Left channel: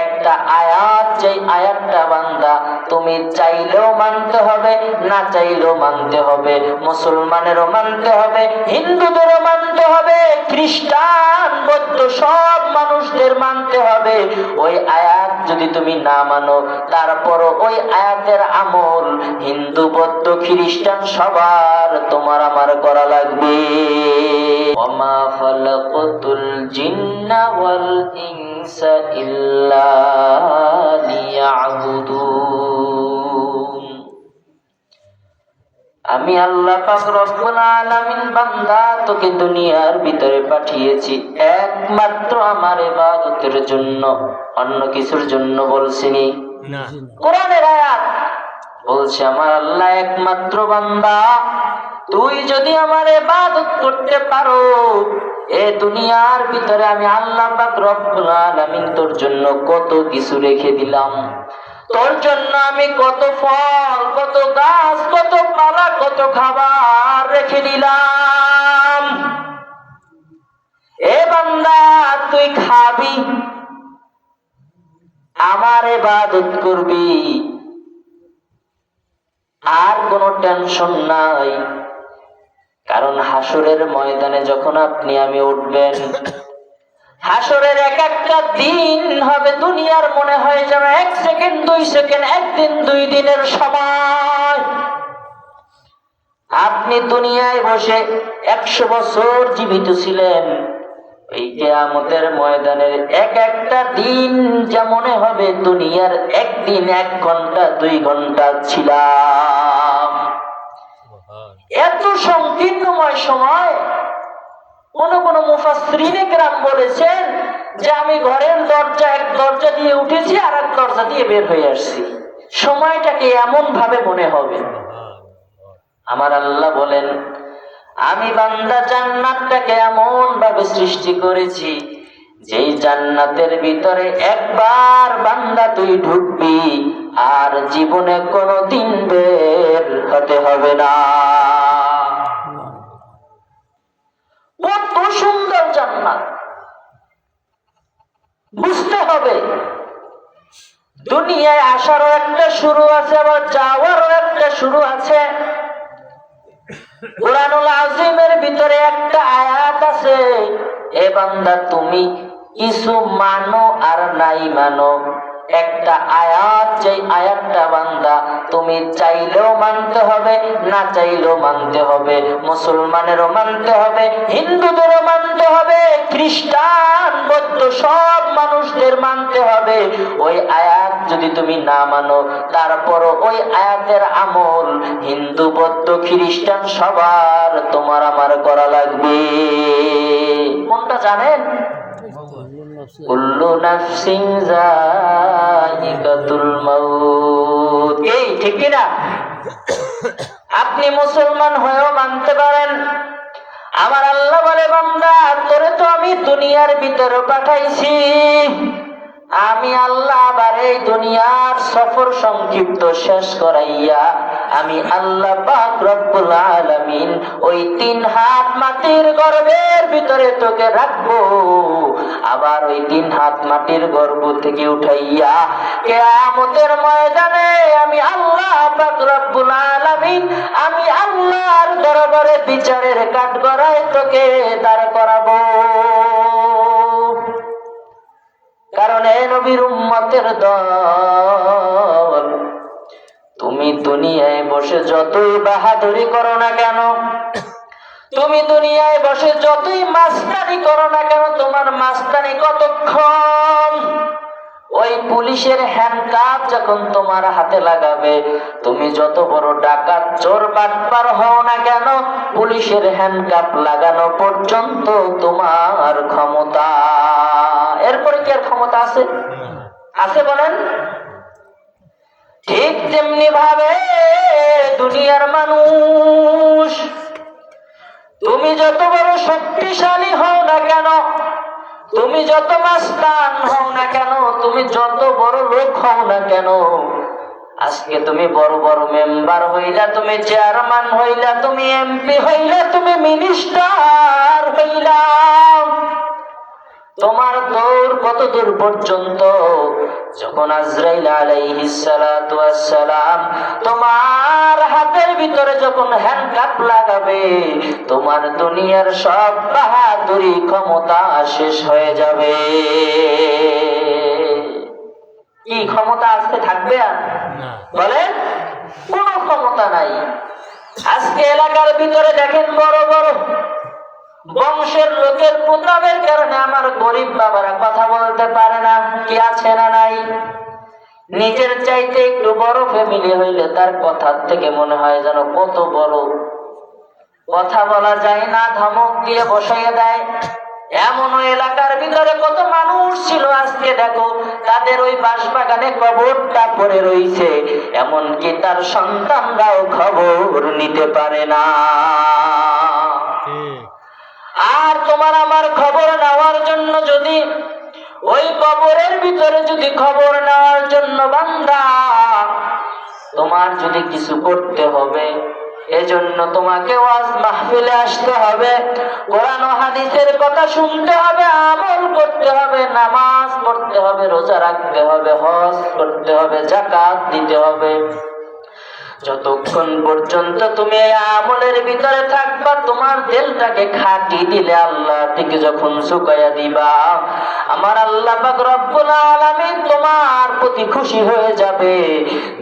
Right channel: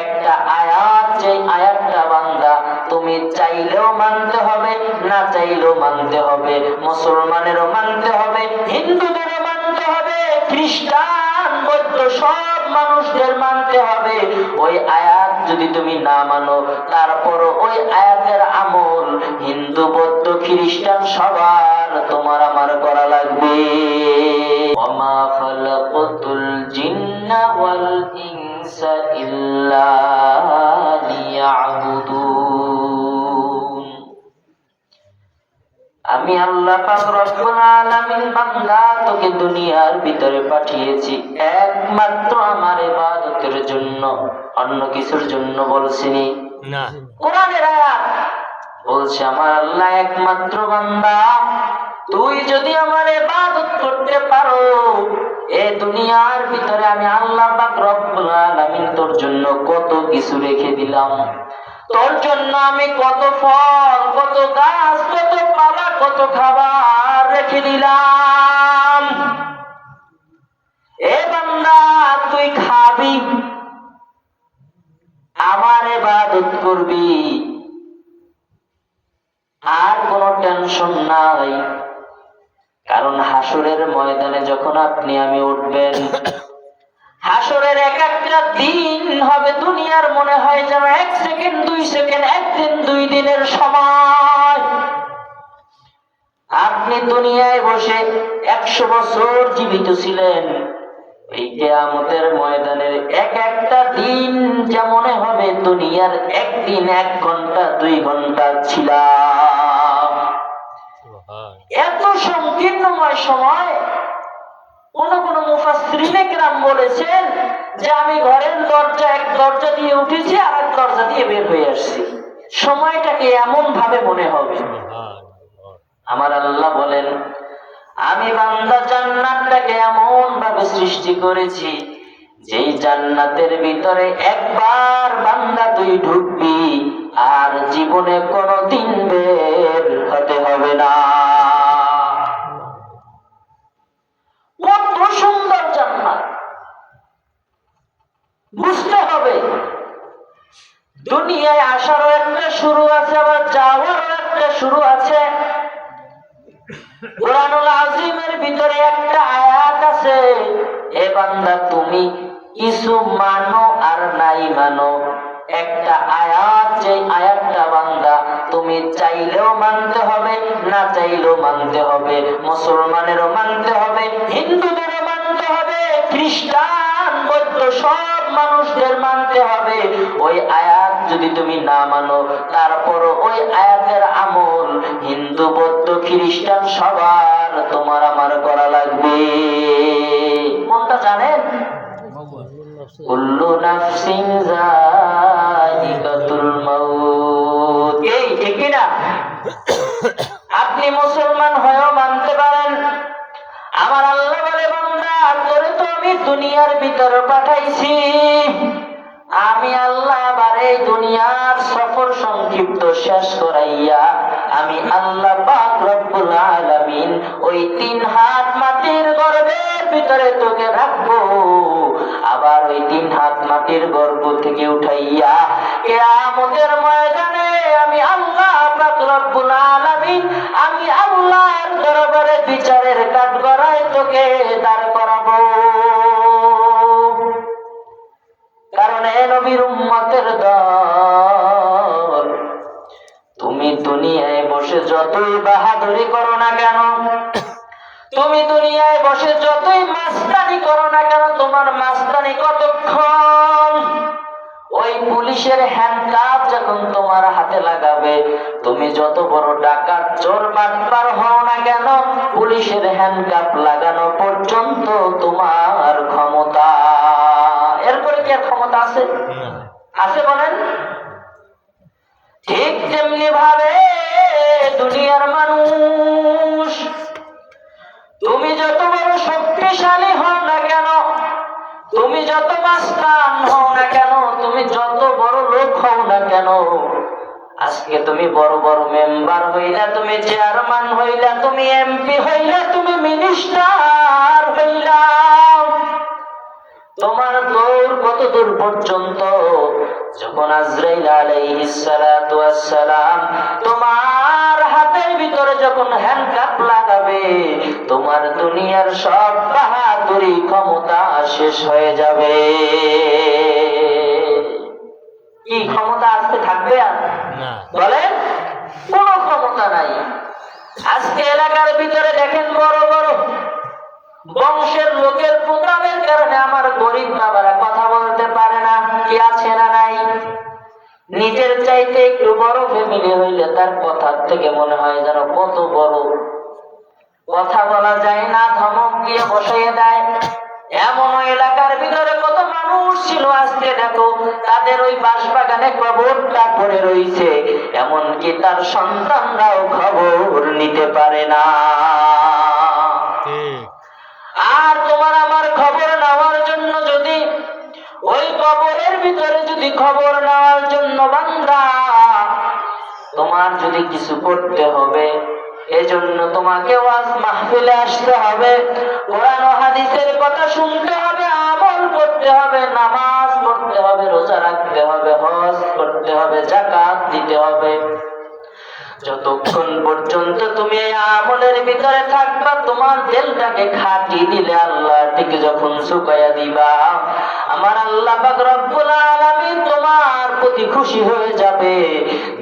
একটা আয়াত, যে আয়াতটা বান্দা তুমি চাইলেও মানতে হবে, না চাইলেও মানতে হবে, মুসলমানেরও মানতে হবে, হিন্দুদেরও মানতে হবে, খ্রিস্টান বৌদ্ধ সব মানুষদের মানতে হবে। ওই আয়াত যদি তুমি না মানো, তারপরও ওই আয়াতের আমল হিন্দু বৌদ্ধ খ্রিস্টান সবার তোমার আমার করা লাগবে। ওমা খালাকাতুল জিন্না ওয়াল ইনসা ইল্লা লিয়াবুদুন। আমি আল্লাহ পাক রব্বুল আলামিন বান্দা তোকে দুনিয়ার ভিতরে পাঠিয়েছি একমাত্র আমার ইবাদতের জন্য, অন্য কিছুর জন্য বলছিনি না। কোরআনের আয়াত বলছে আমার আল্লাহ একমাত্র বান্দা, তুই যদি আমার ইবাদত করতে পারো, এ দুনিয়ার ভিতরে আমি আল্লাহ পাক রব্বুল আলামিন তোর জন্য কত কিছু রেখে দিলাম। তোর জন্য আমি কত ফল, কত গাছ, কত পালা, কত খাবার রেখে দিলাম। এ বান্দা তুই খাবি, আমার ইবাদত করবি, আর কোনো টেনশন নাই। কারণ হাসরের ময়দানে যখন আপনি আমি উঠবেন, হাসরের এক একটা দিন হবে দুনিয়ার মনে হয় যেন 1 সেকেন্ড 2 সেকেন্ড, 1 দিন 2 দিনের সময়। আপনি দুনিয়ায় বসে 100 বছর জীবিত ছিলেন, এই কিয়ামতের ময়দানের এক একটা দিন যা মনে হবে দুনিয়ার একদিন 1 ঘন্টা 2 ঘন্টা ছিলাম। এত সংকীর্ণময় সময়। কোন মুফাসসিরিনে কেরাম বলেছেন যে আমি ঘরের দরজা, এক দরজা দিয়ে উঠেছি আর এক দরজা দিয়ে বের হয়ে আসছি, সময়টাকে এমন ভাবে মনে হবে। আমার আল্লাহ বলেন আমি বান্দা জান্নাতটাকে এমন ভাবে সৃষ্টি করেছি, যেই জান্নাতের ভিতরে একবার বান্দা তুই ঢুকবি আর জীবনে কোনোদিন বের হতে হবে না। কত সুন্দর জান্নাত! বুঝতে হবে দুনিয়ায় আসারও একটা শুরু আছে, আবার যাওয়ারও একটা শুরু আছে। কুরআনুল আযীমের ভিতরে একটা আয়াত আছে, এ বান্দা তুমি কিছু মানো আর নাই মানো, একটা আয়াত, যে আয়াতটা বান্দা তুমি চাইলেও মানতে হবে, না চাইলেও মানতে হবে, মুসলমানেরও মানতে হবে, হিন্দুদেরও মানতে হবে, খ্রিস্টান বৌদ্ধ সব মানুষদের মানতে হবে। ওই আয়াত যদি তুমি না মানো, তারপরও ওই আয়াতের আমল হিন্দু বৌদ্ধ খ্রিস্টান সবার তোমার আমার করা লাগবে। কোনটা জানেন? কুল্লু নাফসিন যায়িকাতুল মাউত। এই ঠিক না? আপনি মুসলমান হয়েও মানতে পারেন। আমার আল্লাহ বলে বান্দা তোরে তো আমি দুনিয়ার ভিতরে পাঠাইছি, আমি আল্লাহ আবার এই দুনিয়ার সফর সংক্ষিপ্ত শেষ করাইয়া আমি আল্লাহ পাক রব্বুল আলামিন ওই 3 হাত মাটির গর্ভের ভিতরে তোকে রাখবো, আবার ওই 3 হাত মাটির গর্ভ থেকে উঠাইয়া কিয়ামতের ময়দানে আমি আল্লাহ পাক রব্বুল আলামিন আমি আল্লাহর দরবারে বিচারের কাঠগড়ায় তোকে দাঁড় করাবো। কারণ এ নবীর উম্মতের দল, তুমি দুনিয়ায় বসে যতই বাহাদুরি করো না কেন, তুমি দুনিয়ায় বসে যতই মাস্তানি করো না কেন, তোমার মাস্তানি কতক্ষণ? ওই পুলিশের হ্যান্ডকাপ যখন তোমার হাতে লাগাবে, তুমি যত বড় ডাকাত চোর বাটপার হও না কেন, পুলিশের হ্যান্ডকাপ লাগানো পর্যন্ত তোমার ক্ষমতা। এরপরে কি আর ক্ষমতা আছে? আছে বলেন? ঠিক তেমনি ভাবে দুনিয়ার মানুষ, তুমি যত বড় শক্তিশালী হও না কেন, তুমি যত মাস্তান হও না কেন, তুমি যত বড় লোক হও না কেন, আজকে তুমি বড় বড় মেম্বার হইলা, তুমি চেয়ারম্যান হইলা, তুমি এমপি হইলা, তুমি মিনিস্টার হইলা, তোমার দৌড় কত দূর পর্যন্ত? যখন আজরাইল আলাইহিস সালাতু ওয়াস সালাম তোমার হাতের ভিতরে যখন হ্যান্ডকাপ লাগাবে, তোমার দুনিয়ার সব বাহাদুরি ক্ষমতা শেষ হয়ে যাবে। কি ক্ষমতা আজকে থাকবে? আর বলেন, কোনো ক্ষমতা নাই। আজকে এলাকার ভিতরে দেখেন বড় বড় বংশের লোকের প্রতাপের কারণে আমার গরিব বাবারা কথা বলতে পারে না। কি আছে না নাই? নিজের চাইতে একটু বড় ফ্যামিলি হইলে তার কথার থেকে মনে হয় যেন কত বড়। কথা বলা যায় না, ধমক দিয়ে বসিয়ে দেয়। এমন এলাকার ভিতরে কত মানুষ ছিল, আজকে দেখো তাদের ওই বাঁশবাগানে কবরটা পড়ে রইছে, এমনকি তার সন্তানরাও খবর নিতে পারে না। আর তোমার আমার খবর নেওয়ার জন্য যদি ওই কবরের ভিতরে যদি খবর নেওয়ার জন্য বান্দা তোমার যদি কিছু করতে হবে, এজন্য তোমাকে ওয়াজ মাহফিলে আসতে হবে, কোরআন ও হাদিসের কথা শুনতে হবে, আমল করতে হবে, নামাজ পড়তে হবে, রোজা রাখতে হবে, হজ করতে হবে, যাকাত দিতে হবে। যতক্ষণ পর্যন্ত তুমি এই আমলের ভিতরে থাকবা, তোমার দিলটাকে খাঁটি দিলে আল্লাহ থেকে যখন শুকায়া দিবা, আমার আল্লাহ পাক রব্বুল আলামিন তোমার প্রতি খুশি হয়ে যাবে।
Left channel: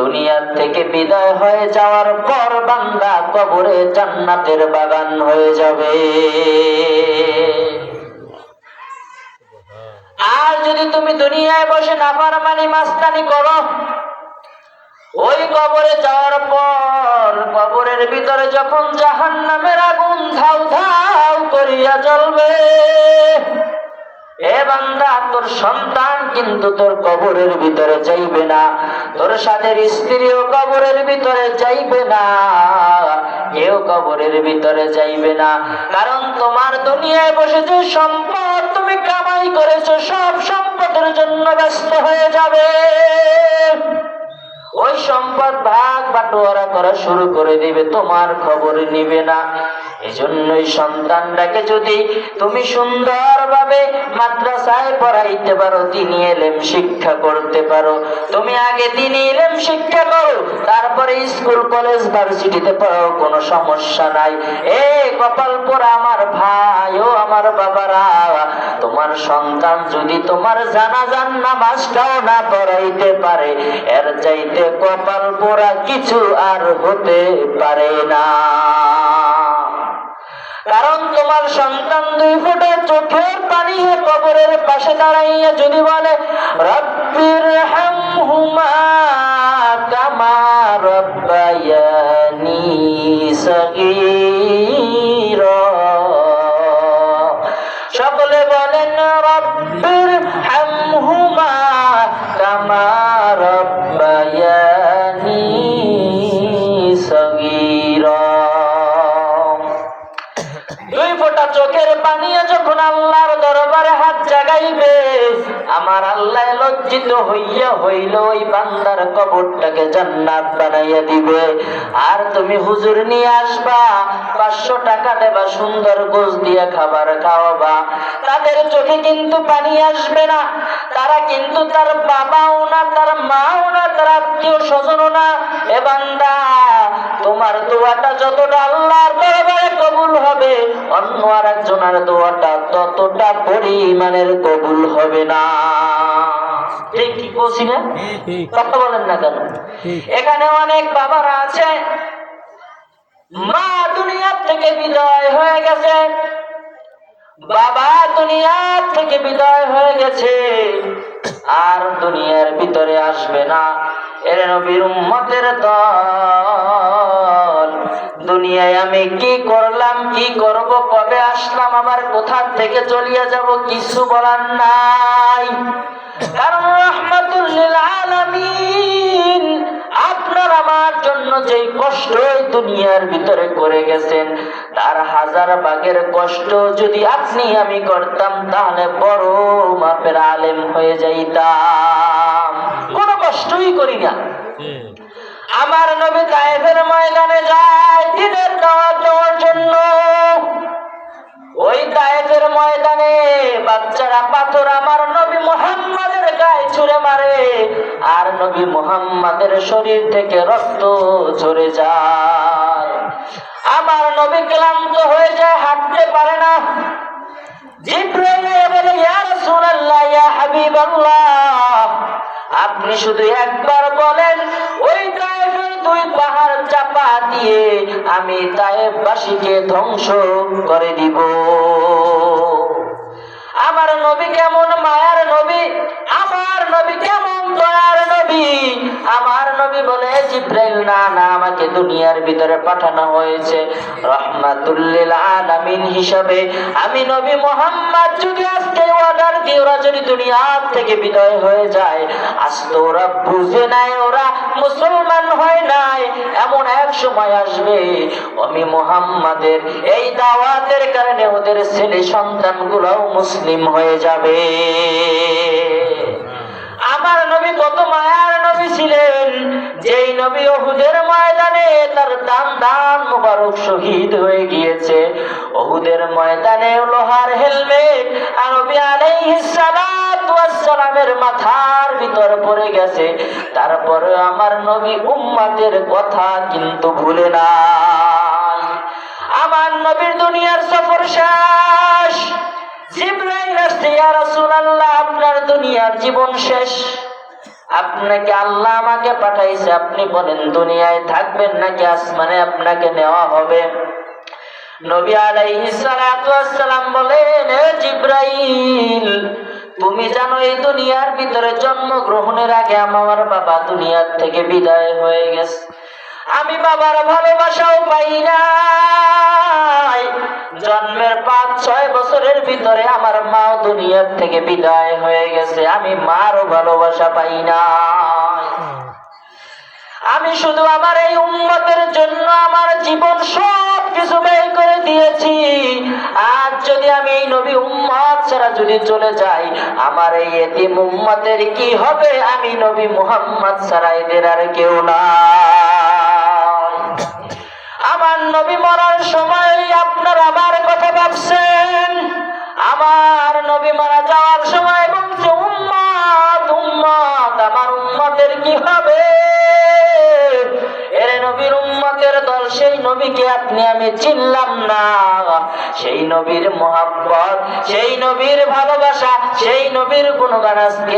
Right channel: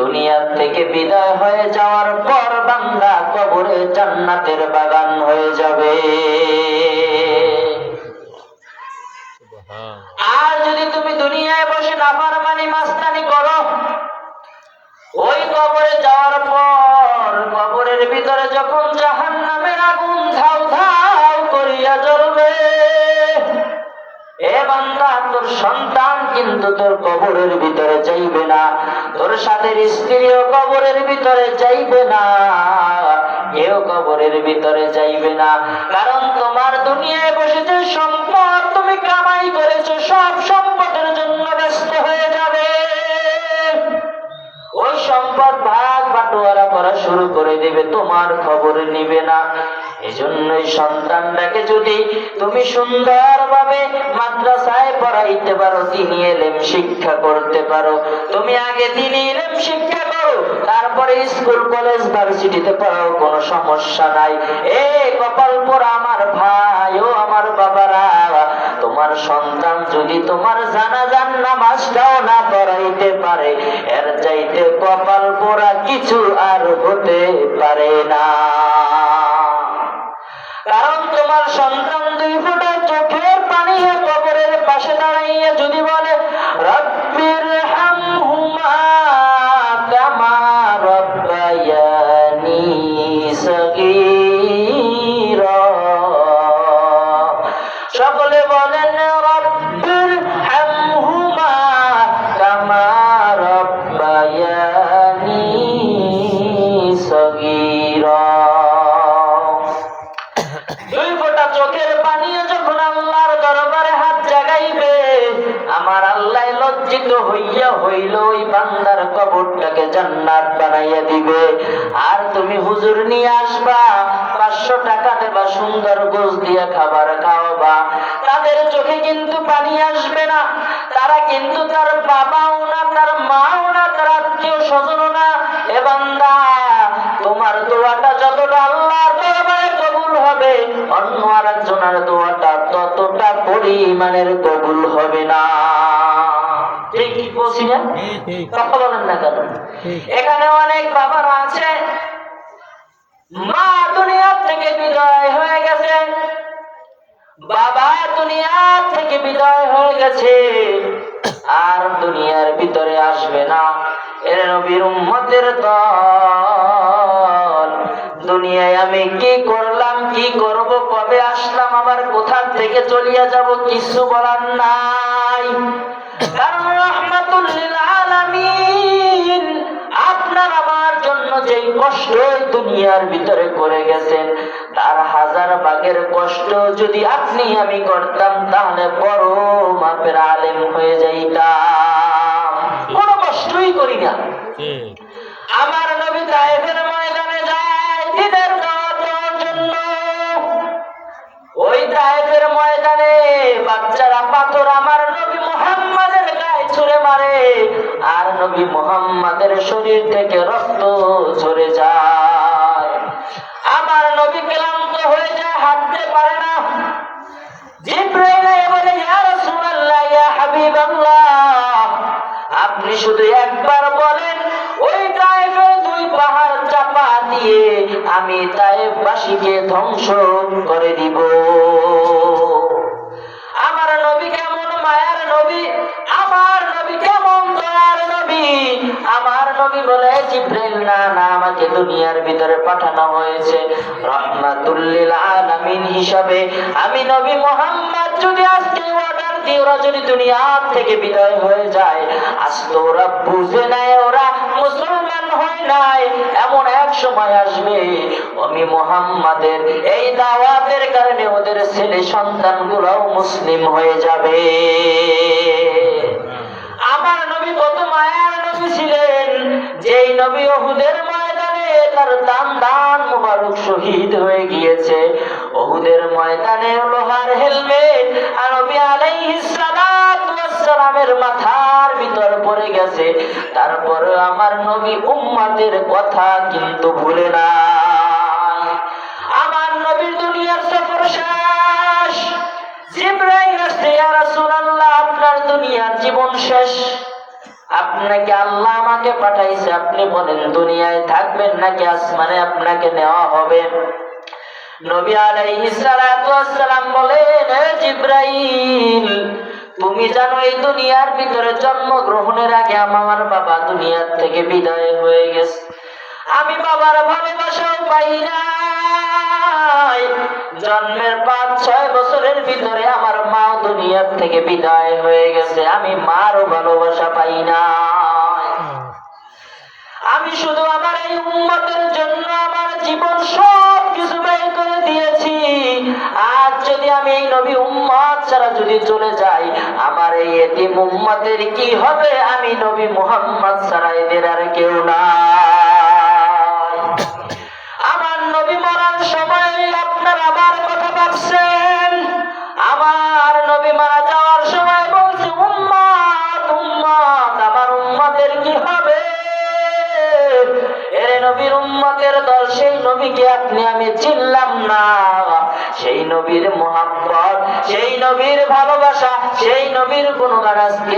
দুনিয়ার থেকে বিদায় হয়ে যাওয়ার পর বান্দা কবরে জান্নাতের বাগান হয়ে যাবে। আর যদি তুমি দুনিয়ায় বসে নাফরমানি মাস্তানি করো, ওই কবরে যাওয়ার পর কবরের ভিতরে যখন জাহান্নামের আগুন ধাউ ধাউ করিয়া জ্বলবে, এ বান্দা তোর সন্তান কিন্তু তোর কবরের ভিতরে যাইবে না, তোর সাথে স্ত্রীও কবরের ভিতরে যাইবে না, কেউ কবরের ভিতরে যাইবে না। কারণ তোমার দুনিয়ায় বসে যে সম্পদ তুমি কামাই করেছো, সব সম্পদের জন্য ব্যস্ত হয়ে যাবে। ওই সম্পদ ভাগ বাটোয়ারা করা শুরু করে দিবে, তোমার খবর নিবে না। এজন্যই সন্তানটাকে যদি তুমি সুন্দরভাবে মাদ্রাসায় পড়াইতে পারো, দ্বীনি ইলম শিক্ষা করতে পারো, তুমি আগে দ্বীনি ইলম শিক্ষা করো, তারপরে স্কুল কলেজ ভার্সিটিতে পড়াও, কোনো সমস্যা নাই। কপাল পোড়া আমার ভাই ও আমার বাবারা, তোমার সন্তান যদি তোমার জানাজার নামাজটাও না পড়াইতে পারে, এর চাইতে কপাল পোড়া কিছু আর হতে পারে না। কারণ তোমার সন্তান দুই ফোঁটা চোখের পানি কবরের পাশে দাঁড়াইয়া যদি বলে রব্বির হামহুমা কামা রব্বায়ানি সগীরা, সকলে বলেন রব্বির হামহুমা কামা রব্বায়ানি সগীরা। দুই ফোঁটা চোখের পানি যখন আল্লাহর দরবারে হাত জাগাইবে, আমার আল্লাহ লজ্জিত হইয়া হইল ওই বান্দার কবরটাকে জান্নাত বানাইয়া দিবে। আর তুমি হুজুর নিয়ে আসবা, 500 টাকা দেবা, সুন্দর গোশ দিয়ে খাবার খাওয়াবা, তাদের চোখে কিন্তু পানি আসবে না। তারা কিন্তু তার বাবাও না, তার মাও না, তার আত্মীয় স্বজনও না। এ বান্দা, তোমার দোয়াটা যতটা আল্লাহর দরবারে কবুল হবে, অন্য আরেকজনের দোয়াটা ততটা পরিমাণের কবুল হবে না। ঠিক কি বলছি না? কথা বলেন না কেন? এখানে অনেক বাবারা আছে, মা দুনিয়া থেকে বিদায় হয়ে গেছে, বাবা দুনিয়া থেকে বিদায় হয়ে গেছে, আর দুনিয়ার ভিতরে আসবে না। এর নবীর উম্মতের দল, দুনিয়ায় আমি কি করলাম, কি করব, কবে আসলাম, আমার কোথা থেকে চলিয়া যাব, কিছু বলার নাই। কারণ রাহমাতুল লিল আলামিন আপনার আমার জন্য যেই কষ্ট দুনিয়ার ভিতরে করে গেছেন, তার 1000 ভাগের কষ্ট যদি আপনি আমি করতাম, তাহলে বড় মাপের আলেম হয়ে যাইতাম। কোনো কষ্টই করি না। আমার নবী তায়েফের ময়দানে যায় দ্বীনের দাওয়াত দেওয়ার জন্য। ওই তায়েফের ময়দানে বাচ্চারা পাথর আমার নবী মুহাম্মাদের গায়ে ছুঁড়ে মারে, আর নবী মুহাম্মাদের শরীর থেকে রক্ত ঝরে যায়। আমার নবী ক্লান্ত হয়ে যায়, হাঁটতে পারে না। জিবরাইল বলে, ইয়া রাসূলুল্লাহ, ইয়া হাবিবাল্লাহ, আপনি শুধু একবার বলেন, ওই তায়েফে 2 পাহাড় চাপা দিয়ে আমি তায়েফবাসীকে ধ্বংস করে দিব। আমার নবী কেমন মায়ার নবী, আমার নবী কেমন দয়ার নবী। আমার নবী বলে, জিবরাইল না না, আমাকে দুনিয়ার ভিতরে পাঠানো হয়েছে রাহমাতুল লিল আলামিন হিসাবে। আমি নবী মুহাম্মদ যদি আজকে অর্ডার দিই, ওরা যদি দুনিয়া থেকে বিদায় হয়ে যায়, আজকে ওরা বুঝে নাই, ওরা মুসলমান হয় নাই, এমন এক সময় আসবে আমি মুহাম্মাদের এই দাওয়াতের কারণে ওদের ছেলে সন্তানগুলোও মুসলিম হয়ে যাবে। আমার নবী কত মায়ার নবী ছিলেন, যেই নবী উহুদের ময়দানে তার দান মুবারক শহীদ হয়ে গিয়েছে। উহুদের ময়দানে লোহার হেলমেট নবী আলাইহিস সালাতু ওয়াস সালামের মাথার ভিতর পড়ে গেছে, তারপরে আমার নবী উম্মতের কথা কিন্তু ভুলে নাই। আমার নবীর দুনিয়ার সফর শেষ। জিবরাইল আসছে, ইয়া রাসূলুল্লাহ, আপনার দুনিয়ার জীবন শেষ, আপনাকে আল্লাহ আমাকে পাঠাইছে, আপনি বলেন দুনিয়ায় থাকবেন নাকি আসমানে আপনাকে নেওয়া হবে? নবী আলাইহিস সালাতু ওয়াস সালাম বলেন, হে জিবরাইল, তুমি জানো এই দুনিয়ার ভিতরে জন্মগ্রহণের আগে আমার বাবা দুনিয়ার থেকে বিদায় হয়ে গেছে, আমি বাবার ভালোবাসাও পাই নাই। জন্মের 5-6 বছরের ভিতরে আমার মা দুনিয়ার থেকে বিদায় হয়ে গেছে, আমি মারও ভালোবাসা পাই না। আমি শুধু আমার এই উম্মতের জন্য আমার জীবন সব কিছু ব্যয় করে দিয়েছি। আজ যদি আমি এই নবী উম্মত ছাড়া যদি চলে যাই, আমার এই এতিম উম্মতের কি হবে? আমি নবী মুহাম্মদ ছাড়া এদের আর কেউ না। আমার নবী মরার সময় আপনার আমার কথা ভাবছেন, আমার নবী মারা যাওয়ার সময় বলছে, উম্মত উম্মত, আমার উম্মতের কি হবে? এর নবীর উম্মতের দল, সেই নবীকে আপনি আমি চিনলাম না। সেই নবীর মোহাব্বত, সেই নবীর ভালোবাসা, সেই নবীর গুণগান আজকে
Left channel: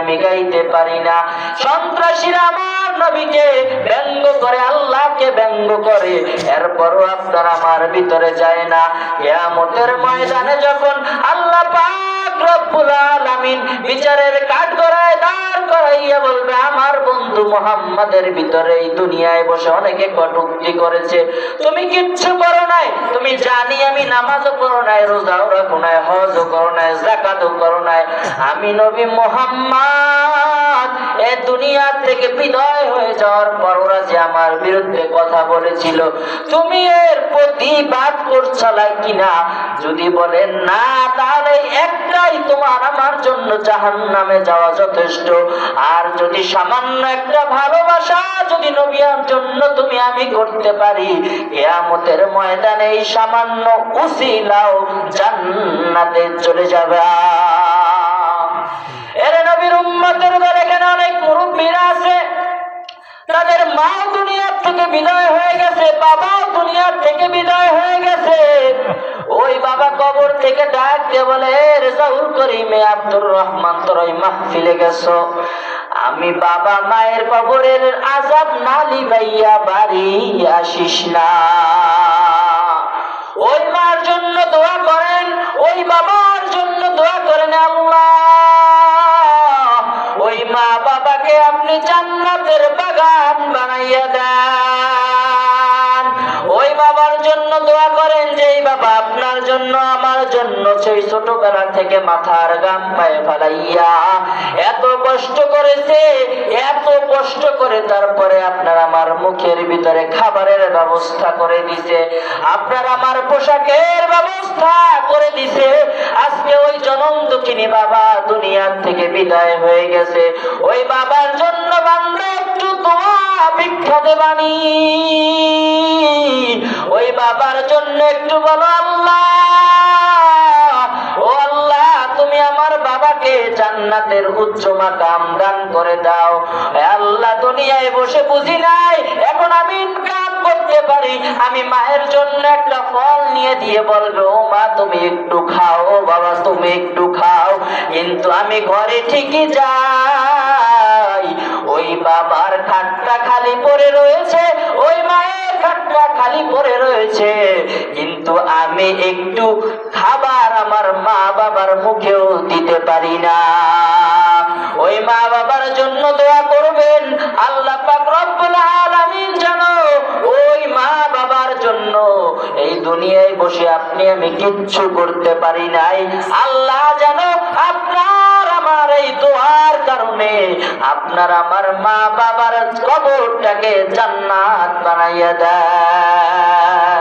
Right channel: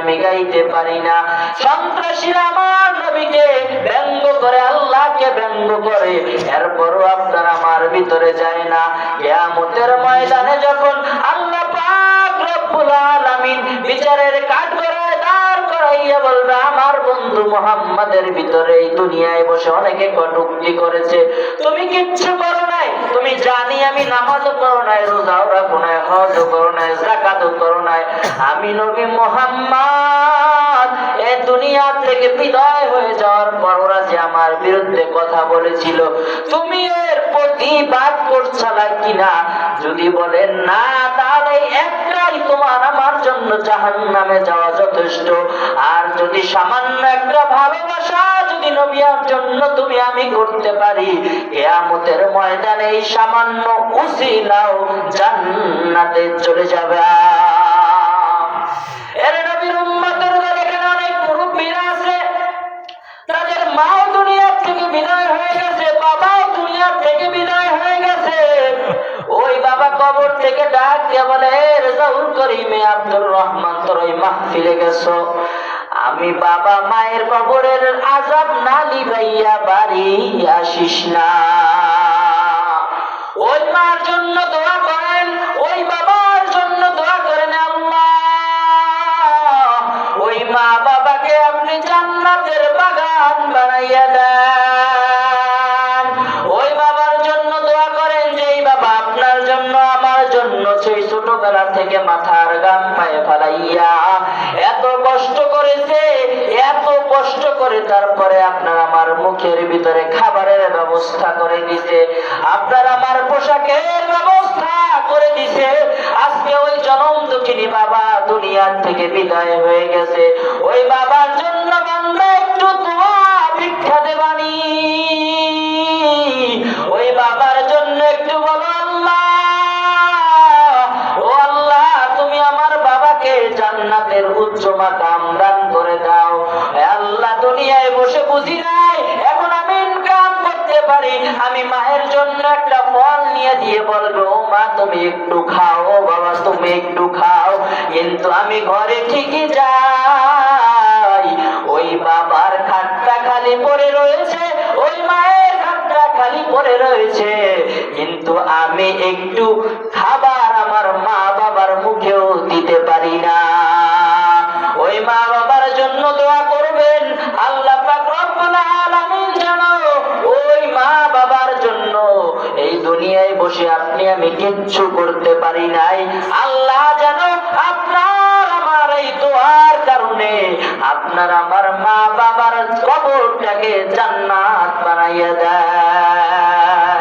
আমি গাইতে পারি না। সন্ত্রাসীরা আমার নবীকে ব্যঙ্গ করে, আল্লাহকে ব্যঙ্গ করে, এরপরও আপনার আমার ভিতরে যায় না। কিয়ামতের ময়দানে যখন আল্লাহ পাক রব্বুল আলামিন বিচারের কাঠগড়ায় দাঁড় করাইয়া বলবে, আমার বন্ধু মুহাম্মাদের ভিতরে এই দুনিয়ায় বসে অনেকে কটূক্তি করেছে, তুমি কিচ্ছু করো নাই, তুমি জানি আমি নামাজও করো নাই, রোজাও রাখো নাই, হজও করো নাই, যাকাতও করো নাই, আমি নবী মুহাম্মদ এই দুনিয়া থেকে বিদায় হয়ে যাওয়ার পর ওরা যে আমার বিরুদ্ধে কথা বলেছিল, তুমি এর প্রতিবাদ করছালা কিনা? যদি বলেন না, তাহলে একটাই তোমার আমার জন্য জাহান্নামে যাওয়া যথেষ্ট। আর যদি সামান্য একটা ভালোবাসা যদি নবীর জন্য তুমি আমি করতে পারি, কিয়ামতের ময়দানে এই সামান্য উসিলাও জান্নাতে চলে যাবে। এর নবীর উম্মতের দলে এখানে অনেক মুরব্বীরা আছে, তাদের মাও দুনিয়া থেকে বিদায় হয়ে গেছে, বাবাও দুনিয়া থেকে বিদায় হয়ে গেছে। ওই বাবা কবর থেকে ডাক দিয়ে বলে, রেজাউল করিমে আব্দুর রহমান, তোর ওই মাহফিলে গেছো, আমি বাবা মায়ের কবরের আযাব না লিভাইয়া বাড়ি আসিস না। ওই মার জন্য দোয়া করেন, ওই বাবার জন্য দোয়া করেন, আল্লাহ ওই মা বাবাকে আপনি জান্নাতের বাগান বানাইয়া দেন। ওই বাবার জন্য দোয়া করেন, যেই বাবা আপনার জন্য আমার জন্য সেই ছোটবেলা থেকে মাথার গাম পায়ে ফেলাইয়া এত কষ্ট করেছে, এত কষ্ট করে তারপরে আপনার আমার মুখের ভিতরে খাবারের ব্যবস্থা করে দিছে, আপনার আমার পোশাকের ব্যবস্থা করে দিছে। আজকে ওই জনম দুঃখিনী বাবা দুনিয়ার থেকে বিদায় হয়ে গেছে, ওই বাবার জন্য বান্দা একটু দোয়া ভিক্ষা দেবানি, ওই বাবার জন্য একটু বলো, আল্লাহ জান্নাতের উচ্চ মাকাম দান করে দাও। হে আল্লাহ, দুনিয়ায় বসে বুঝি নাই এখন আমি ইনকাম করতে পারি, আমি মায়ের জন্য একটা ফল নিয়ে দিয়ে বলবো, ও মা তুমি একটু খাও, ও বাবা তুমি একটু খাও, কিন্তু আমি ঘরে ঠিকই যাই, ওই বাবার খাটটা খালি পড়ে রয়েছে, ওই মায়ের খাটটা খালি পড়ে রয়েছে, কিন্তু আমি একটু খাবার আমার মা বাবার মুখেও দিতে পারি না। ওই মা বাবার জন্য দোয়া করবেন, আল্লাহ পাক রব্বুল আলামিন জানো ওই মা বাবার জন্য এই দুনিয়ায় বসে আপনি আমি কিচ্ছু করতে পারি নাই, আল্লাহ জানো আপনার আমার এই দোয়ার কারণে আপনার আমার মা বাবার কবরটাকে জান্নাত বানাইয়া দেয়।